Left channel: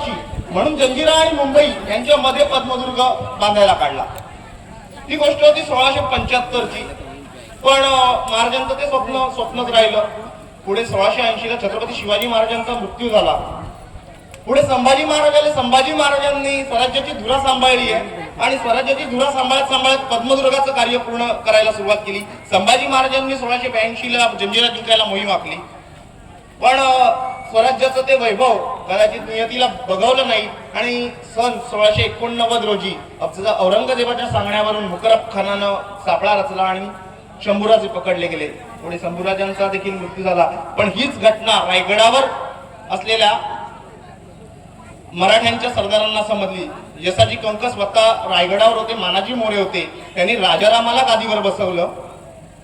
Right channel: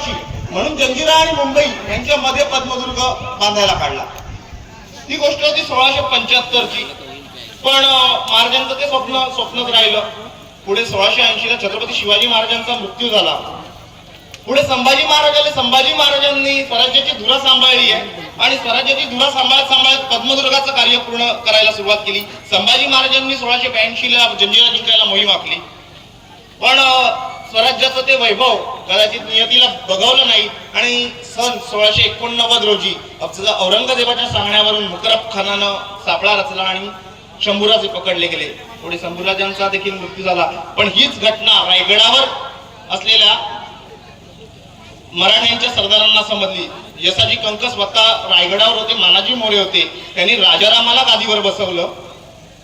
वाचवायची म्हणून जंजिरा आणि मुंबई यांच्या मध्ये पद्मदुर्ग बांधायला काढला. ती गोष्ट होती 1675ची. पण महाराजांचं ते स्वप्नच राहिलं. पुढे 1680ला छत्रपती शिवाजी महाराजांचा मृत्यू झाला. पुढे संभाजी महाराजांनी स्वराज्याची धुरा सांभाळली आहे आणि स्वराज्याची धुरा सांभाळत पद्मदुर्गाचं कार्य पूर्ण करायला सुरुवात केली. संभाजी महाराजांनी 1682ला जंजिरा जिंकायला मोहीम आखली. पण स्वराज्याचं ते वैभव कदाचित नियतीला बघवलं नाही आणि सन 1689 रोजी औरंगजेबाच्या सांगण्यावरून मुकरब खानानं सापळा रचला आणि शंभूराजे पकडले गेले. पुढे शंभूराजांचा देखील मृत्यू झाला. पण हीच घटना रायगडावर असलेल्या मराठ्यांच्या सरदारांना समजली. यसाजी कंक स्वतः रायगडावर होते, मानाजी मोरे होते. त्यांनी राजारामाला गादीवर बसवलं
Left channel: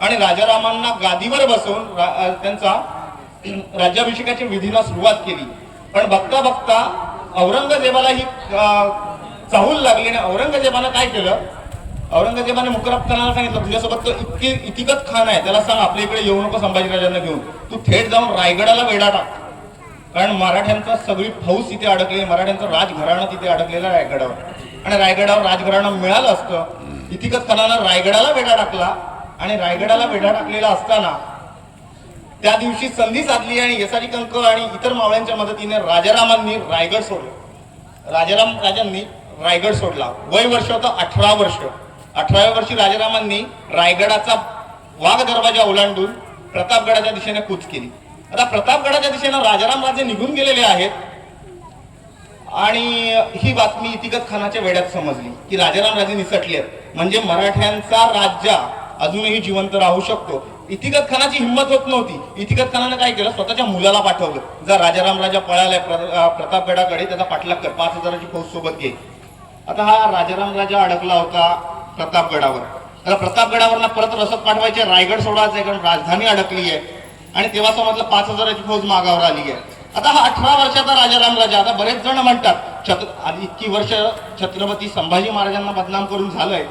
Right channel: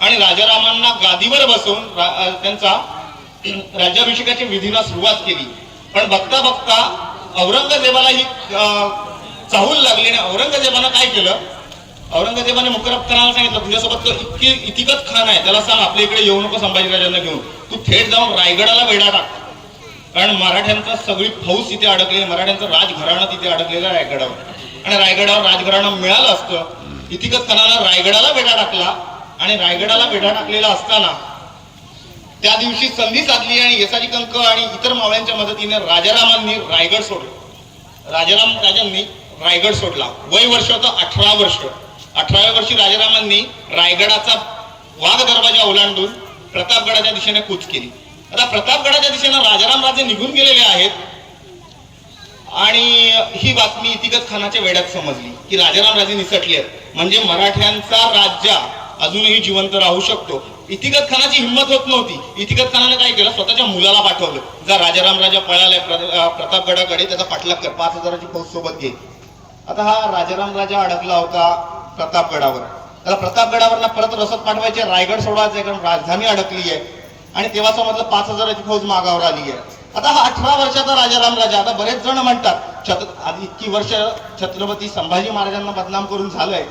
आणि राजारामांना गादीवर बसवून त्यांचा राज्याभिषेकाच्या विधीला सुरुवात केली. पण बघता बघता औरंगजेबाला ही चाहूल लागली आणि औरंगजेबानं काय केलं, औरंगजेबाने मुकरब खानाला सांगितलं तुझ्यासोबत तो इतिकत खान आहे, त्याला सांग आपल्या इकडे येऊ नको संभाजीराजांना घेऊन, तू थेट जाऊन रायगडाला वेढा टाक. कारण मराठ्यांचा सगळी फौज तिथे अडकलेली, मराठ्यांचं राजघराणं तिथे अडकलेलं रायगडावर आणि रायगडावर राजघराणं मिळालं असतं. इतिकत खानाला रायगडाला वेढा टाकला आणि रायगडाला वेढा टाकलेला असताना त्या दिवशी संधी साधली आणि यसाजी कंक आणि इतर मावळ्यांच्या मदतीने राजारामांनी रायगड सोडलं. राजाराम राजांनी रायगड सोडला. वय वर्ष होतं 18 वर्ष. 18व्या वर्षी राजारामांनी रायगडाचा वाघ दरवाजा ओलांडून प्रतापगडाच्या दिशेने कूच केली. आता प्रतापगडाच्या दिशेने राजाराम राजे निघून गेलेले आहेत आणि ही बातमी इतिकत खानाच्या वेड्यात समजली की राजाराम राजे निसटले आहेत, म्हणजे मराठ्यांचा राज्य अजूनही जिवंत राहू शकतो. इतिकत खानाची हिंमत होत नव्हती. इतिकत खानाने काय केलं, स्वतःच्या मुलाला पाठवलं, जा राजाराम राजा पळालाय प्रतापगडाकडे, त्याचा पाठलाग कर, 5000ची फौज सोबत घे. आता हा राजाराम राजा अडकला होता प्रतापगडावर. त्याला प्रतापगडावर परत रसद पाठवायचे, रायगड सोडायचे कारण राजधानी अडकली आहे आणि तेव्हा समजलं 5000ची फौज मागावर आली आहे. आता हा 18 वर्षाचा राजाराम राजा, आता बरेच जण म्हणतात इतकी वर्ष छत्रपती संभाजी महाराजांना बदनाम करून झालंय,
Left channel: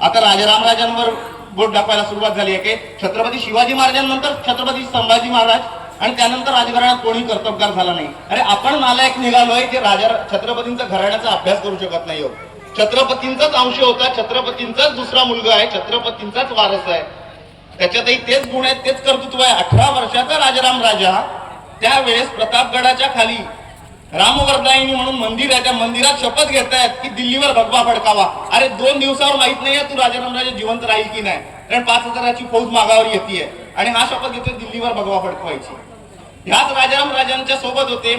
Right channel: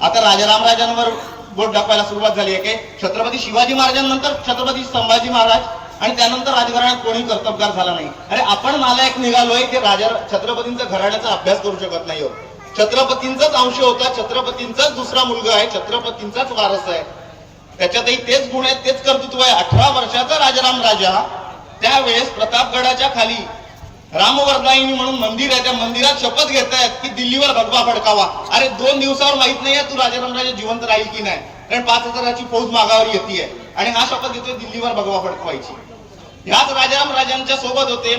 आता राजाराम राजांवर बोट दाखवायला सुरुवात झाली आहे की छत्रपती शिवाजी महाराजांनंतर छत्रपती संभाजी महाराज आणि त्यानंतर राजघराण्यात कोणी कर्तबगार झाला नाही. अरे आपण नालायक निघालोय की छत्रपतींचा घराण्याचा अभ्यास करू शकत नाही. छत्रपतींचाच अंश होता, छत्रपतींचाच दुसरा मुलगा आहे, छत्रपतींचाच वारस आहे, त्याच्यातही तेच गुण आहेत, तेच कर्तृत्व आहे. 18 वर्षाचा राजाराम राजा त्यावेळेस प्रतापगडाच्या खाली रामवर्धायिनी म्हणून मंदिर आहे, त्या मंदिरात शपथ घेतायत की दिल्लीवर भगवा फडकावा. अरे 2 दिवसावर माहित नाहीये तू राजाराम राजा जिवंत राहील की नाही, कारण 5000ची फौज मागावर येते आणि हा शपथ घेतोय दिल्लीवर भगवा फडकवायची. ह्याच राजाराम राजांच्या सोबत होते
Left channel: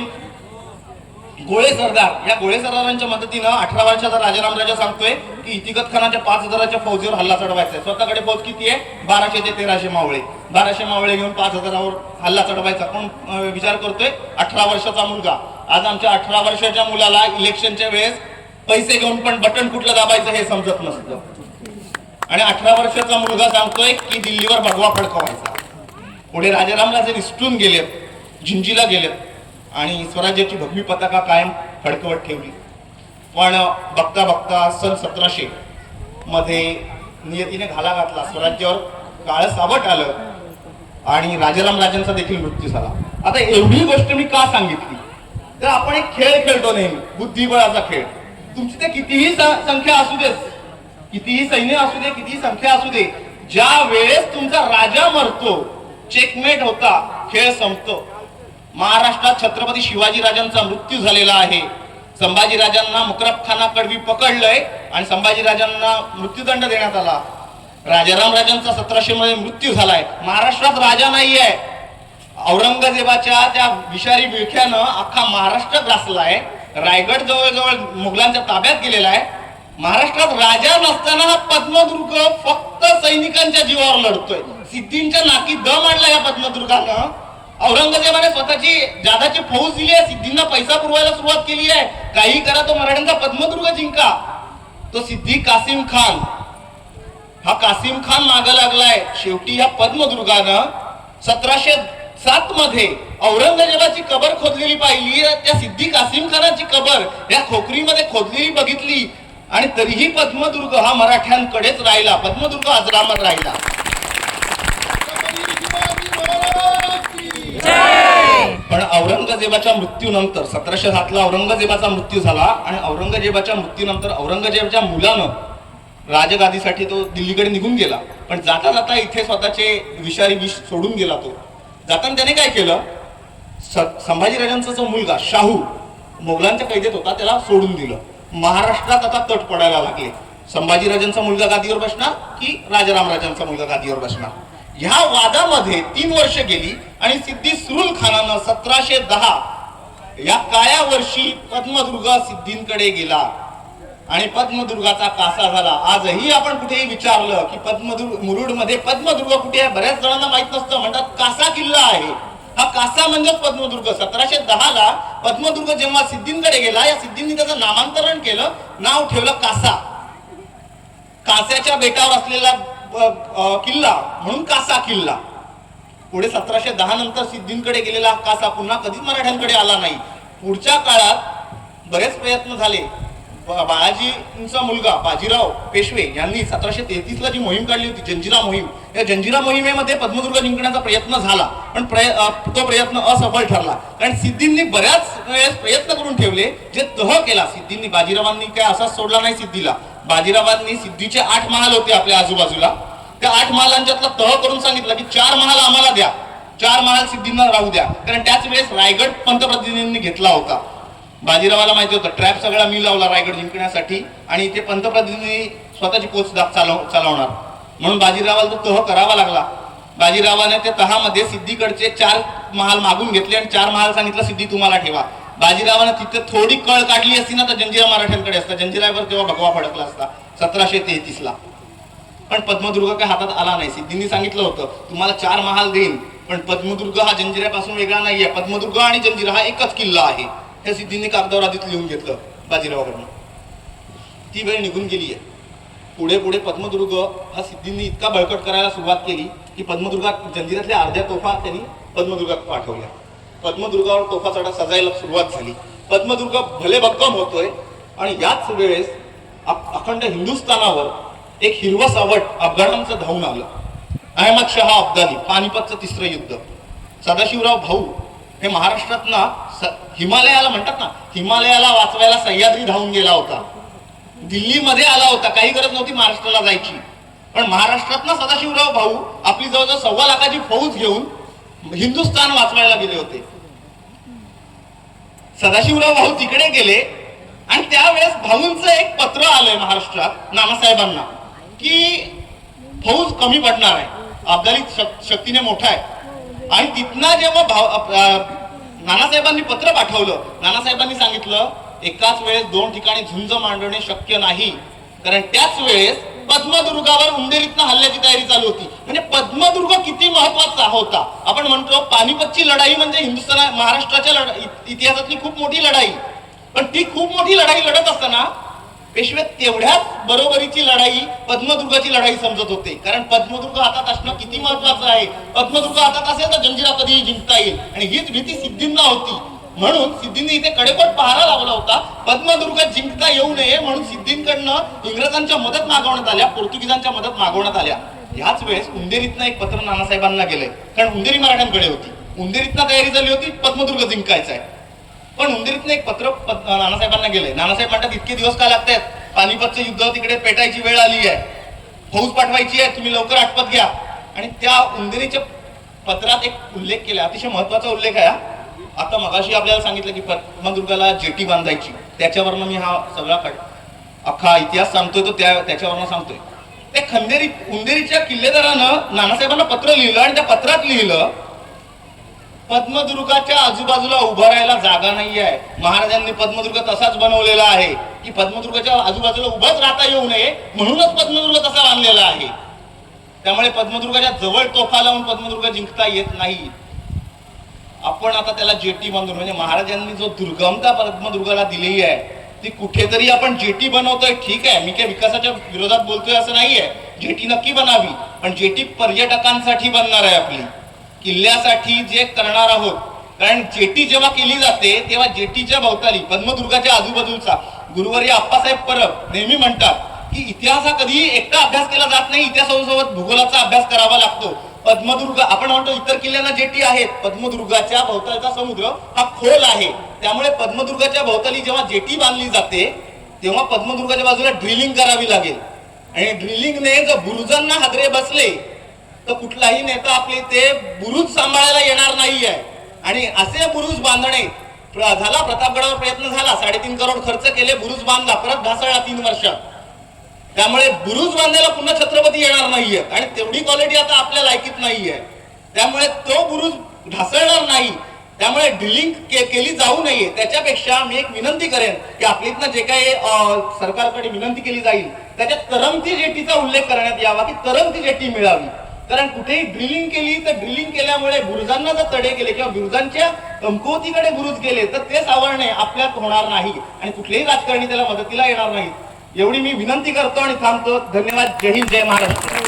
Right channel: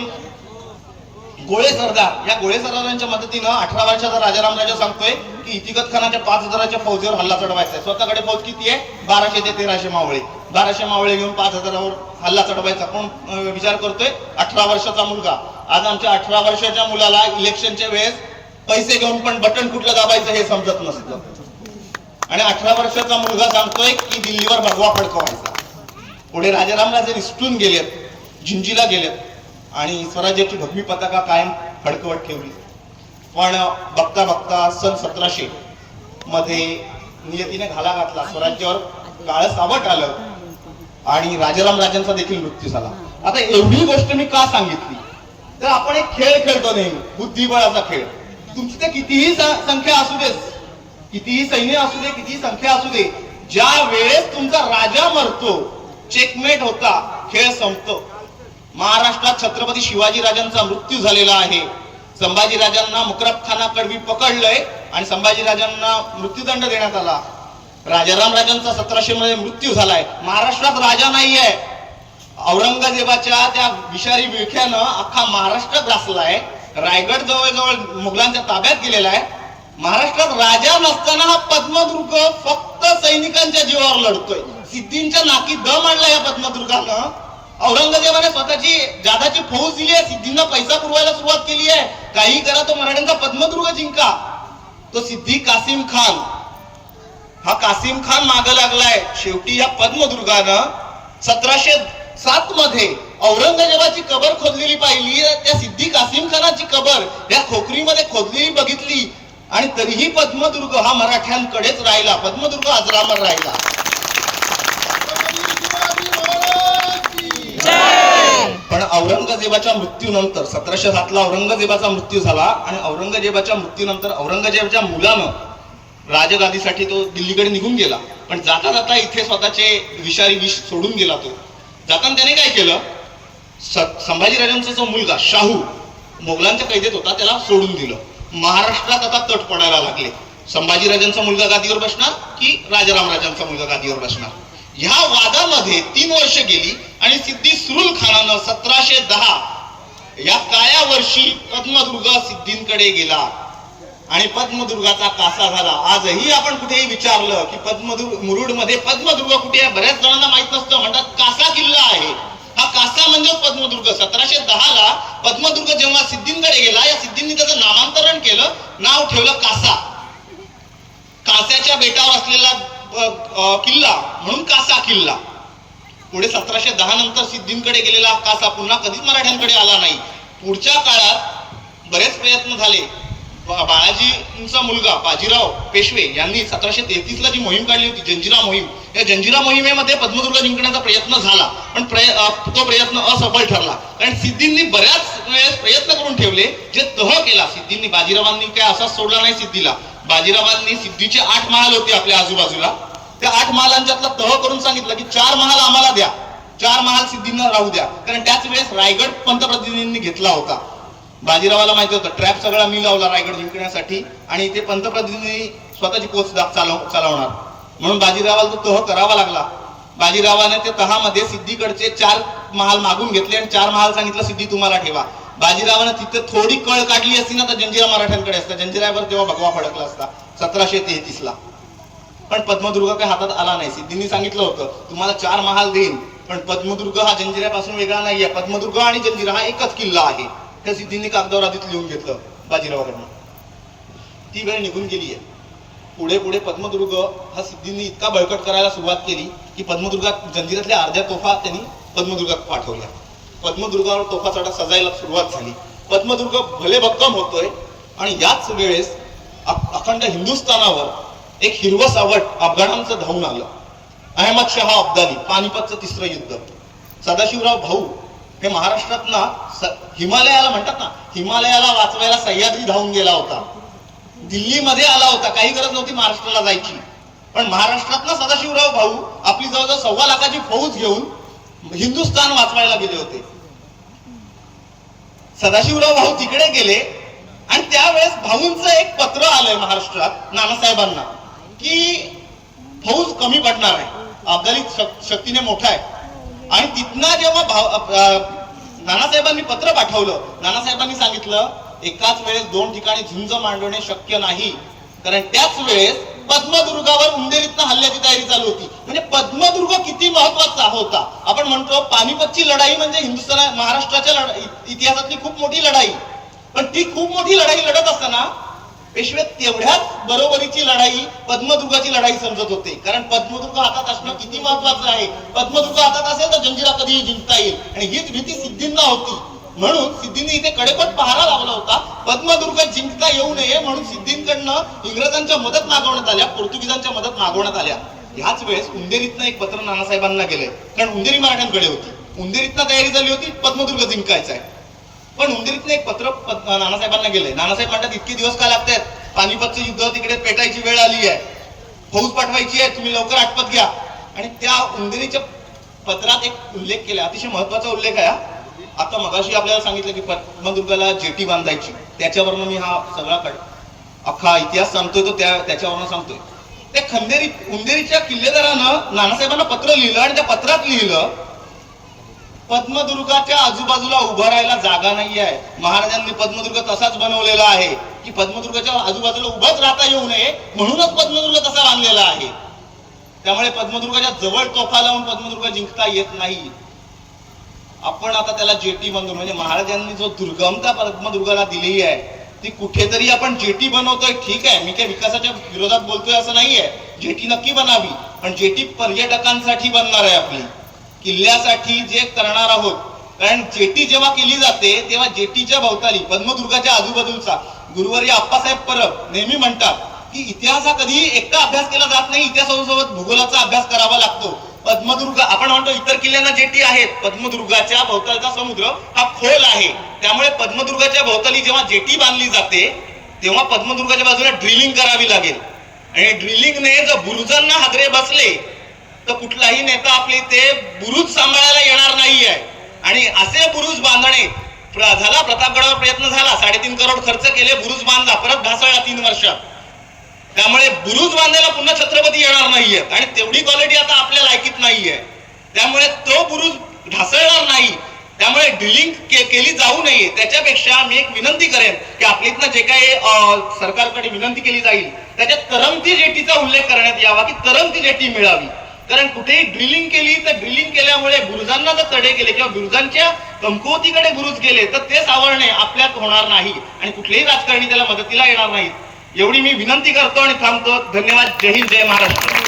गोळे सरदार. या गोळे सरदारांच्या मदतीनं 18 वर्षाचा राजाराम राजा सांगतोय की इतिकत खानाच्या 5000च्या फौजीवर हल्ला चढवायचा आहे. स्वतःकडे फौज किती आहे, 1200 ते 1300 मावळे. 1200 मावळे घेऊन 5000वर हल्ला चढवायचा. कोण विचार करतोय, 18 वर्षाचा मुलगा. आज आमच्या 18 वर्षाच्या मुलाला इलेक्शनच्या वेळेस पैसे घेऊन पण बटन कुठलं दाबायचं हे समजत नसतं आणि 18 वर्षाचा मुलगा सांगतोय की दिल्लीवर भगवा फडकवायचा. पुढे राजाराम राजे निसटून गेलेत, जिंजीला गेलेत आणि स्वराज्याची भगवी पताका कायम फडकवत ठेवली. पण बघता बघता सन 1700 मध्ये नियतीने घाला घातला, स्वराज्यावर काळं सावट आलं आणि राजाराम राजांचा देखील मृत्यू झाला. आता एवढी गोष्ट मी का सांगितली, तर आपण एक खेळ खेळतो नेहमी, बुद्धिबळाचा खेळ. तुमची ते कितीही संख्या असू दे, कितीही सैन्य असू दे, कितीही संख्या असू दे, ज्या वेळेस तुमचा राजा मरतो, चेकमेट होता, खेळ संपतो. महाराष्ट्रात छत्रपती शिवाजी राजांचा मृत्यू झालेला आहे. संभाजी राजांना मुकरब खानाकडवी पकडलंय आणि संभाजी राजांना मृत्यूदंड देण्यात आला. राजाराम राजांचा 1700 मध्ये मृत्यू झालाय. महाराष्ट्रात राजा नाहीये. औरंगजेबाच्या त्या विषारी विळख्यानं अख्खा महाराष्ट्र ग्रासलाय. रायगड जवळजवळ मुघलांच्या ताब्यात गेलेला आहे. महाराष्ट्रात राजा नसताना हा पद्मदुर्ग फक्त सैनिकांच्या जीवावर लढतोय. सिद्धींच्या नाकी दम आणला या पद्मदुर्गानं. औरंगजेबाने स्वतःची जादाची फौज दिली आहे, सिद्धींना पैसा पुरवायला सुरुवात केली आहे. काही करा तो मराठ्यांचा पद्मदुर्ग जिंका. तो सिद्धी कासिम खान, हा कासिम खान मागे लागलाय. शेवटी या पद्मदुर्गानं 1707 मध्ये औरंगजेबाची कबर खोदलेली पाहिली, त्या सिद्धी कासिम खानाची कबर या खोकरीमध्ये खोदलेली बघितली आणि तरीही पद्मदुर्ग हा मराठ्यांकडेच राहिला. पद्मदुर्ग अजरामर राहिला. पण औरंगजेबाच्या मृत्यूनंतर 1707ला औरंगजेबाचा मृत्यू झाला आणि औरंगजेबाच्या मृत्यूनंतर औरंगजेबाच्या मुलानं राजगादीसाठी तो दिल्लीकडे निघून गेला. पण जाता जाता इथे स्वतःचे विषारी विष सोडून गेला. तो जाताना त्याने काय केलं, संभाजीराजांचा जो मुलगा शाहू मोगलांच्या कैदेत होता त्याला सोडून दिलं. महाराष्ट्रात आता तट पडायला लागले. संभाजीराजांचा मुलगा गादीवर बसणार की राजारामराजांचा मुलगा गादीवर बसणार, ह्या वादामध्ये 3 वर्ष गेली आणि सिद्धी सुरुल खानानं 1710 या काळ्या वर्षी पद्मदुर्ग सिद्धींकडे गेला आणि पद्मदुर्गाचा कासा झाला. आजही आपण कुठेही विचारलं की मुरुडमध्ये पद्मदुर्ग कुठे आहे, बऱ्याच जणांना माहित नसतं, म्हणतात कासा किल्ला आहे. हा कासा म्हणजेच पद्मदुर्ग. 1710ला पद्मदुर्ग जेव्हा सिद्धींकडे गेला, या सिद्धींनी त्याचं नामांतरण केलं, नाव ठेवलं कासा. कास्याच्या बेटावर असलेला किल्ला म्हणून कासा किल्ला. पुढे 1710 नंतर सिद्धींकडे गेलेला कासा पुन्हा कधीच मराठ्यांकडे आला नाही. पुढच्या काळात बरेच प्रयत्न झाले. बाळाजींचा मुलगा बाजीराव पेशवे यांनी 1733ला जी मोहीम काढली होती, जंजिरा मोहीम, या जंजिरा मोहिमेमध्ये पद्मदुर्ग जिंकण्याचा प्रयत्न झाला, पण तो प्रयत्न असफल ठरला. कारण सिद्धींनी बऱ्याच वेळेस प्रयत्न करून ठेवले, जे तह केला सिद्धींनी. बाजीरावांनी काय असाच सोडला नाही सिद्धीला. बाजीरावांनी सिद्धीचे 8 महाल होते आपल्या आजूबाजूला, त्या 8 महालांच्यातला तह करून सांगितलं की 4 महाल आम्हाला द्या, 4 महाल सिद्धींना राहू द्या. कारण त्याच वेळेस रायगड पंतप्रतिनिधींनी घेतला होता. बाजीरावाला माहिती होतं ट्रॅप सगळा मी लावला रायगड जिंकण्यासाठी आणि ते पंतप्रतिनिधी स्वतःची पोच चालवणार, म्हणून बाजीरावाला तो तह करावा लागला. बाजीरावाने त्या तहामध्ये सिद्धीकडचे 4 महाल मागून घेतले आणि 4 महाल सांगितलं सिद्धी तुम्हाला ठेवा. बाजीरावाने तिथे थोडी कळ काढली असती ना तर जंजिरा मराठ्यांकडे असता. जंजिरावर तेव्हा भगवा फडकला असता 1733ला. पण पद्मदुर्ग काय हातात आला नाही. सिद्धींनी सांगितलं होतं तुम्हाला 4 महाल देईन, पण पद्मदुर्ग हा जंजिऱ्यापासून वेगळा नाहीये. पद्मदुर्ग आणि जंजिरा हा एकच किल्ला आहे. हे सिद्धींनी कागदावर आधीच लिहून घेतलं बाजीरावाकडनं. ती वेळ निघून गेली आहे. पुढे पुढे पद्मदुर्ग हा सिद्धींनी इतका बळकट करायला सुरुवात केली की पद्मदुर्गात जंजिऱ्यातल्या अर्ध्या तोफा त्यांनी पद्मदुर्गात पाठवल्या. पद्मदुर्गावर तोफा चढा सजायला सुरुवात झाली. पद्मदुर्ग भले भक्कम होतोय आणि याच वेळेस अखंड हिंदुस्थानावर एक हिरवं सावट अफगाणांचं धावून आलं. अहमद शहा अब्दाली, पानिपतचं 3रं युद्ध. सदाशिवराव भाऊ हे महाराष्ट्रात ना हिमालयाला म्हणतात ना, हिमालयाला वाचवायला सह्याद्री धावून गेला होता. दिल्लीमध्ये आला होता, काही गरज नव्हती महाराष्ट्राला जायची, पण महाराष्ट्रात ना सदाशिवराव भाऊ आपली जवळजवळ 1.25 लाखाची फौज घेऊन हिंदुस्थान वाचवायला गेले होते. सदाशिवराव भाऊ तिकडे गेले आणि त्यावेळेस भाऊंचं एक पत्र आलंय महाराष्ट्रात नानासाहेबांना की फौज कमी पडणार आहे, अब्दाली शक्तीने मोठा आहे. आणि तिथनं जेव्हा नानासाहेबांनी पत्र पाठवलं, नानासाहेबांनी सांगितलं एकाच वेळेस 2 ठिकाणी झुंज मांडवणे शक्य नाही, कारण त्याच वेळेस पद्मदुर्गावर उंदेरीतनं हल्ल्याची तयारी चालू होती. म्हणजे पद्मदुर्ग किती महत्वाचा होता. आपण म्हणतो पानिपतची लढाई म्हणजे महाराष्ट्राच्या इतिहासातली खूप मोठी लढाई, पण ती खूप मोठी लढाई लढत असताना पेशवे तेवढ्याच बरोबरीची लढाई पद्मदुर्गाची लढाई समजत होते. कारण पद्मदुर्ग हातात असणं किती महत्वाचं आहे. पद्मदुर्ग हातात असेल तर जंजिरा कधीही जिंकता येईल, आणि हीच भीती सिद्धींना होती. म्हणून सिद्धींनी इथे कडेकोट पहारा लावला होता, पद्मदुर्ग जिंकता येऊ नये म्हणून सिद्धींकडनं इंग्रजांच्या मदत मागवण्यात आल्या, पोर्तुगीजांच्या मदत मागवण्यात आल्या. ह्याच वेळेस उंदेरीतनं एक पत्र नानासाहेबांना गेलंय, कारण उंदेरी मराठ्यांकडे होती. उंदेरीतनं तयारी झाली होती पद्मदुर्ग जिंकायचा आहे, पण उंदेरीतनं एक पत्र नानासाहेबांना गेलंय. नानासाहेब म्हणतात इतके दिवस का लागतायत, पानिपतचं युद्ध तिकडे पेटायची वेळ आली आहे, फौज पाठवायची आहे, तुम्ही लवकर आटपत घ्या. आणि त्या उंदेरीच्या पत्रात एक उल्लेख केला, अतिशय महत्वाचा उल्लेख आहे. आता मगाशी आपल्याला सांगितलं की पद्मदुर्गाला जेटी बांधायची, त्याच्यावरनं मी हा सगळा अख्खा इतिहास सांगतोय तो त्याच्यावरनं सांगतोय. त्या उंदेरीच्या किल्लेदारानं नानासाहेबांना पत्र लिहिलं आणि त्या पत्रात लिहिलं पद्मदुर्गाच्या आजूबाजूला उभं राहायला जागा नाही आहे. महाराजांनी पद्मदुर्ग तसाच बनवलेला आहे की पद्मदुर्गाच्या आजूबाजूला उभंच राहता येऊ नये म्हणूनच पद्मदुर्ग तसा बांधलेला आहे. त्यामुळे पद्मदुर्गाच्या जवळ तोफा लावून पद्मदुर्ग जिंकता येत नाही. आपण आता त्याला जेटी बांधून, म्हणजे महाराजांनी जो दुर्गमता पद्मदुर्गाला दिलेली आहे ती कुठेतरी आपण जेटी बनवतोय. ठीक आहे, मी काय विकासाच्या विरोधात बोलतोय असं नाहीये, जेटी नक्की बनावी, पण जेटी पर्यटकांसाठी बनणार आहे, आपली किल्ल्यासाठी जे करणार आहोत. कारण जेटी जेव्हा केली जाते तेव्हा जेटीच्या भोवताली पद्मदुर्गाच्या आजूबाजूचा गुरुवर्य आप्पासाहेब परब नेहमी म्हणतात की इतिहास हा कधीही एकटा अभ्यास केला जात नाही, इतिहासासोबत भूगोलाचा अभ्यास करावा लागतो. पद्मदुर्ग आपण म्हणतो इतर किल्ल्यांना जेटी आहेत, पद्मदुर्गाच्या भोवतालचा समुद्र हा खोल आहे, त्यामुळे पद्मदुर्गाच्या भोवताली जेव्हा जेटी बांधली जाते तेव्हा पद्मदुर्गाच्या बाजूला ड्रिलिंग करावी लागेल आणि ड्रिलिंगने जर बुरुजांना हादरे बसले तर कुठलाही नेता आपले ते बुरुज सांभाळायला येणार नाहीये. आणि असे बुरुज बांधणे झाला, प्रतापगडावर प्रयत्न झाला, 3.5 करोड खर्च केले, बुरुज बांधला, परत ढासळला 3 वर्षात. त्यामुळे बुरुज बांधायला पुन्हा छत्रपती येणार नाहीयेत आणि तेवढी क्वालिटी आता आपल्या लायकीत नाहीये, त्यामुळे तो बुरुज ढासळणार नाही. त्यामुळे ड्रिलिंग केली जाऊ नये. त्याच्यापेक्षा मी एक विनंती करेन की आपलीतनं जे काही सरकारकडे विनंती केली जाईल त्याच्यात तरंगती जेटीचा उल्लेख करण्यात यावा की तरंगती जेटी मिळावी. कारण कुठेही ड्रिलिंग केली तर ड्रिलिंग केल्यामुळे बुरुजांना जर तडे गेले किंवा बुरुजांच्या कमकुवतीकडे बुरुज गेले तर ते सावरणे आपल्यात होणार नाही आणि कुठलेही राजकारणी त्याला मदतीला येणार नाहीत. एवढी मी विनंती करतो आणि थांबतो. धन्यवाद. जय हिंद, जय महाराष्ट्र.